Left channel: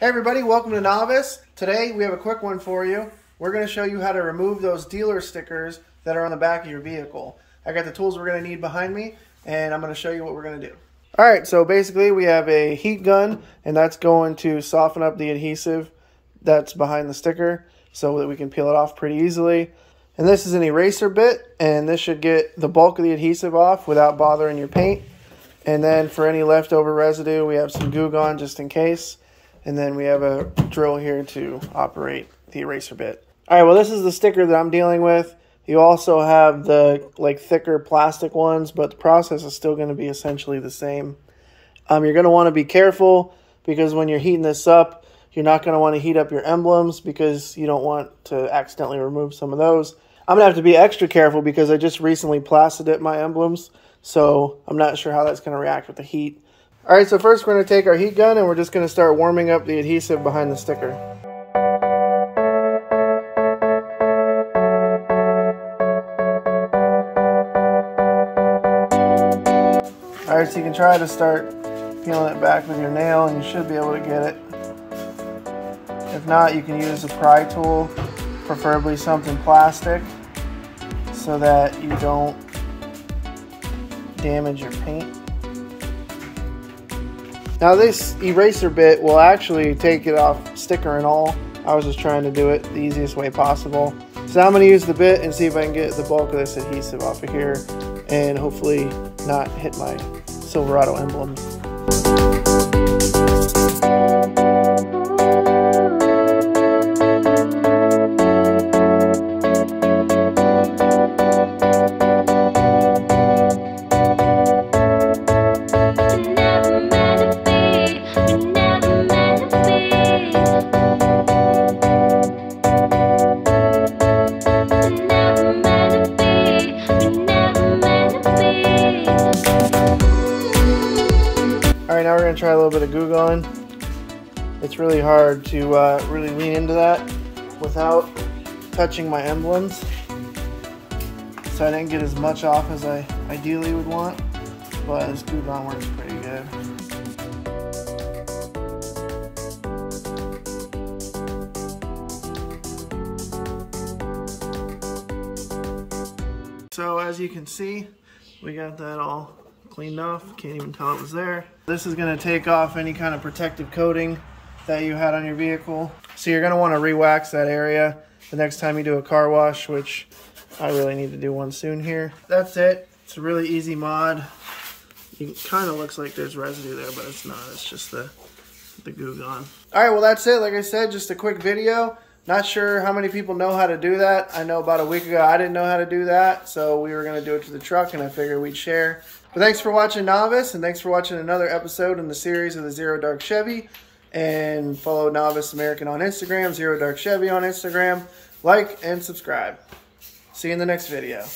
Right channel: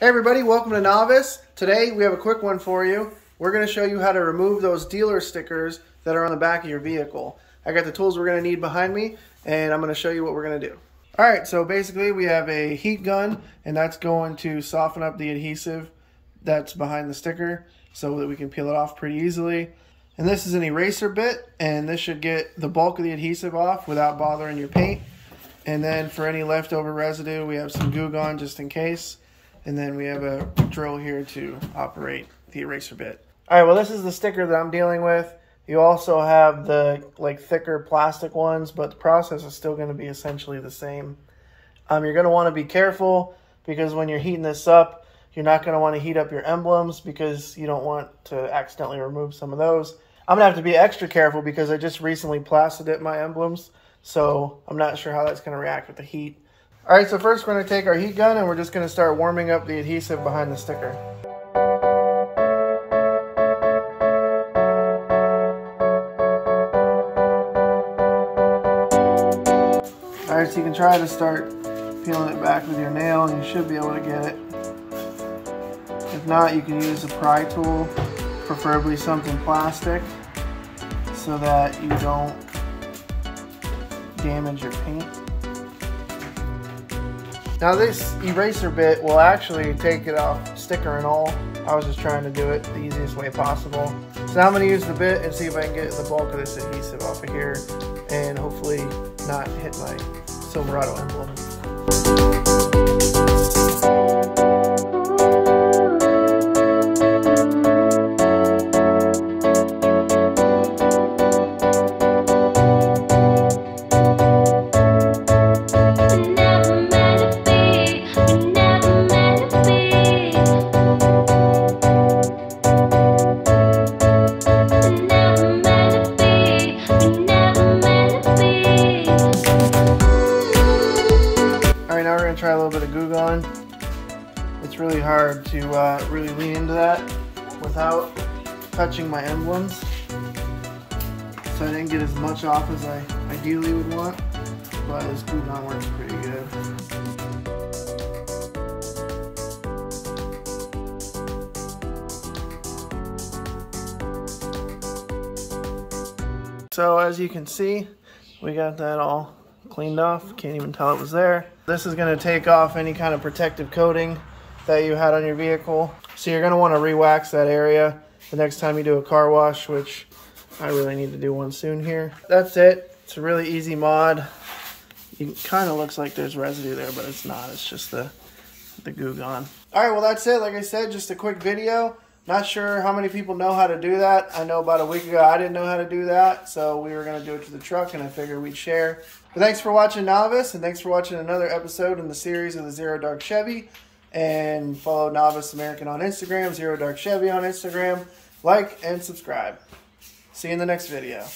Hey everybody, welcome to Novice. Today we have a quick one for you. We're going to show you how to remove those dealer stickers that are on the back of your vehicle. I got the tools we're going to need behind me, and I'm going to show you what we're going to do. Alright, so basically we have a heat gun, and that's going to soften up the adhesive that's behind the sticker so that we can peel it off pretty easily. And this is an eraser bit, and this should get the bulk of the adhesive off without bothering your paint. And then for any leftover residue, we have some Goo Gone just in case. And then we have a drill here to operate the eraser bit. Alright, well this is the sticker that I'm dealing with. You also have the thicker plastic ones, but the process is still going to be essentially the same. You're going to want to be careful because when you're heating this up, you're not going to want to heat up your emblems because you don't want to accidentally remove some of those. I'm going to have to be extra careful because I just recently plasti-dipped my emblems, so I'm not sure how that's going to react with the heat. Alright, so first we're going to take our heat gun and we're just going to start warming up the adhesive behind the sticker. Alright, so you can try to start peeling it back with your nail and you should be able to get it. If not, you can use a pry tool, preferably something plastic, so that you don't damage your paint. Now this eraser bit will actually take it off sticker and all. I was just trying to do it the easiest way possible. So now I'm going to use the bit and see if I can get the bulk of this adhesive off of here and hopefully not hit my Silverado emblem. Try a little bit of Goo Gone. It's really hard to really lean into that without touching my emblems. So I didn't get as much off as I ideally would want, but this Goo Gone works pretty good. So as you can see, we got that all cleaned off. Can't even tell it was there. This is going to take off any kind of protective coating that you had on your vehicle. So you're going to want to re-wax that area the next time you do a car wash, which I really need to do one soon here. That's it. It's a really easy mod. It kind of looks like there's residue there, but it's not. It's just the Goo Gone. Alright, well that's it. Like I said, just a quick video. Not sure how many people know how to do that. I know about a week ago I didn't know how to do that, so we were going to do it to the truck and I figured we'd share. But thanks for watching Novice, and thanks for watching another episode in the series of the ZeroDarkChevy. And follow Novice American on Instagram, ZeroDarkChevy on Instagram. Like and subscribe. See you in the next video.